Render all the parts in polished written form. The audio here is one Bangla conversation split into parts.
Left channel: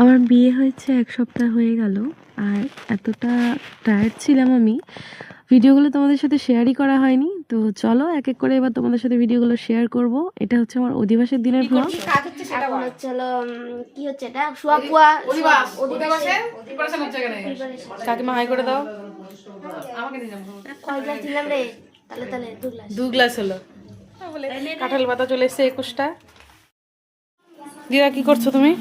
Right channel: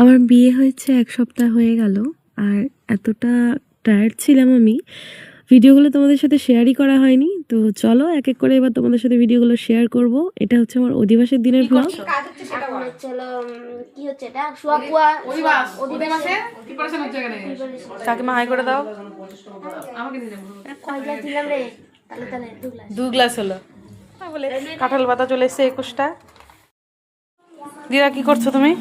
আমার বিয়ে হয়েছে 1 সপ্তাহ হয়ে গেল। আর এতটা টায়ার্ড ছিলাম আমি, ভিডিওগুলো তোমাদের সাথে শেয়ারই করা হয়নি। তো চলো এক এক করে এবার তোমাদের সাথে ভিডিওগুলো শেয়ার করব। এটা হচ্ছে আমার অধিবাসের দিনের ব্লগ। এখন হচ্ছে হলো কি হচ্ছে এটা শুয়াকুয়া অধিবাসের প্রিপারেশন হচ্ছে এখানে। কাকিমা হাই করে দাও। আমাকে দিয়ে যাবো। কয় গ্লাস দিলাম রে? তাহলে 2 গ্লাস হলো। বলে কাঁঠাল পাতা চলে এসেছে 21টা। দিদা কি করছো তুমি?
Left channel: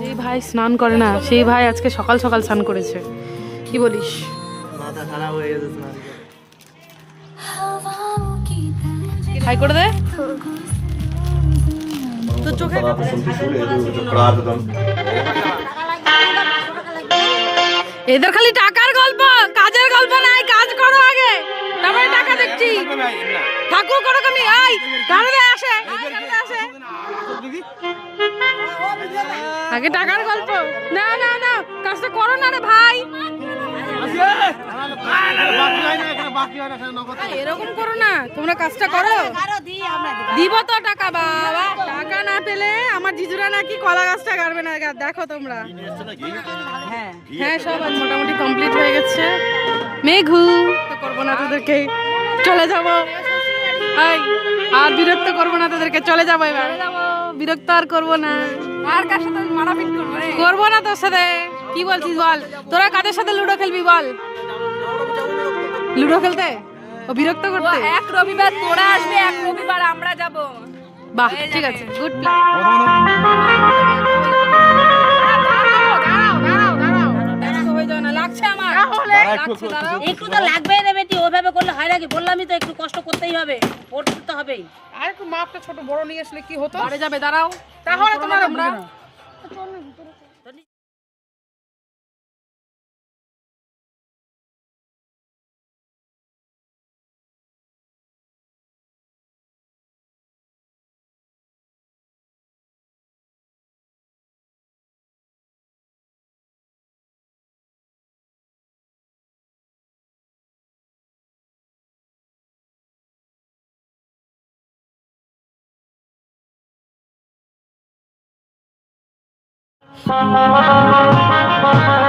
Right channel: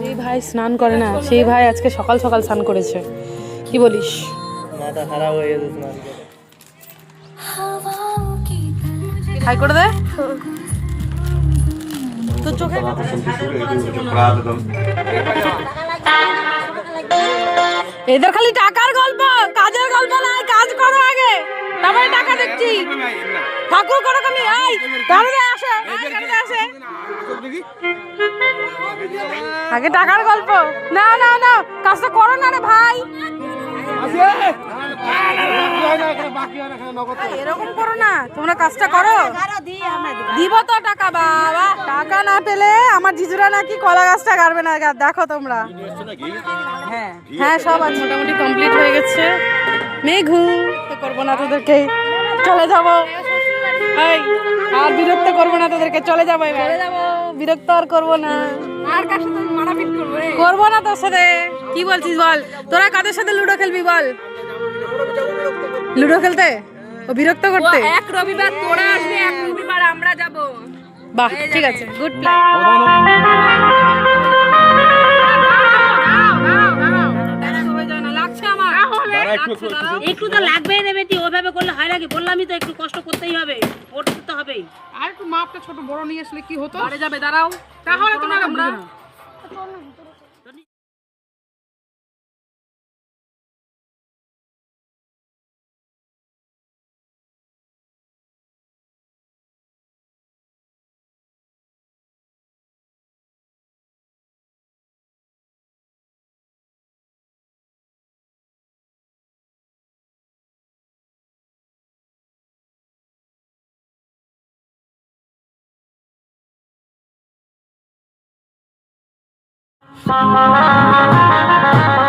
যেই ভাই স্নান করে না সেই ভাই আজকে সকাল সকাল স্নান করেছে। কি বলিস? মাথা খারাপ হয়ে গেছে তোমার। হাই করে দে। তো চোখে এদের খালি টাকার গল্প, কাজের গল্প নাই। কাজ করো আগে, তারপরে টাকা দেখছি। ঠাকুর করো তুমি। আই গাড়িতে আসে, আসে আগে টাকার গল্প। না না না, কাজটা করো না রে ভাই। এরকম করো না, তোমরা কাজটা করো। দিব তো টাকা, বাবা টাকা না পেলে আমার জিজুরা নাকি কলা গাছটা গাড়বে না। দেখো তোমরা। হ্যাঁ হ্যাঁ, সব আজ মোটামুটি কমপ্লিট হয়ে গেছে। মেঘু তো করবো না তোদেরকে, চলে যাবো। আর বিরক্ত করবো না তোদেরকে, চলে যাবো এবার। চলে যাবো, বিরক্ত আর করবো না। আর কার সাথে মারাপিট করবো না তোর সাথে। কি বলছিস বল? তোরা কাদের সাথে লুডো খেলবি বল? লুডো খেলতে ও বিরক্ত করতে? এক রবিবার তোরা আসবে, এক রবিবার আমরা যাব। বাহ, ঠিক আছে, গুড প্ল্যান। একটু তো লাগবেই রে বেটি, ওইভাবে করলে হয় নাকি? বললামই তো একটু কষ্ট করতেই হবে, পড়তে তো হবেই। আর একটু মাপটা ছোট বড় নিয়ে আসলে কি হতো? বাড়ে যাবে, দাঁড়াও। তাহলে তোমরা Thank you.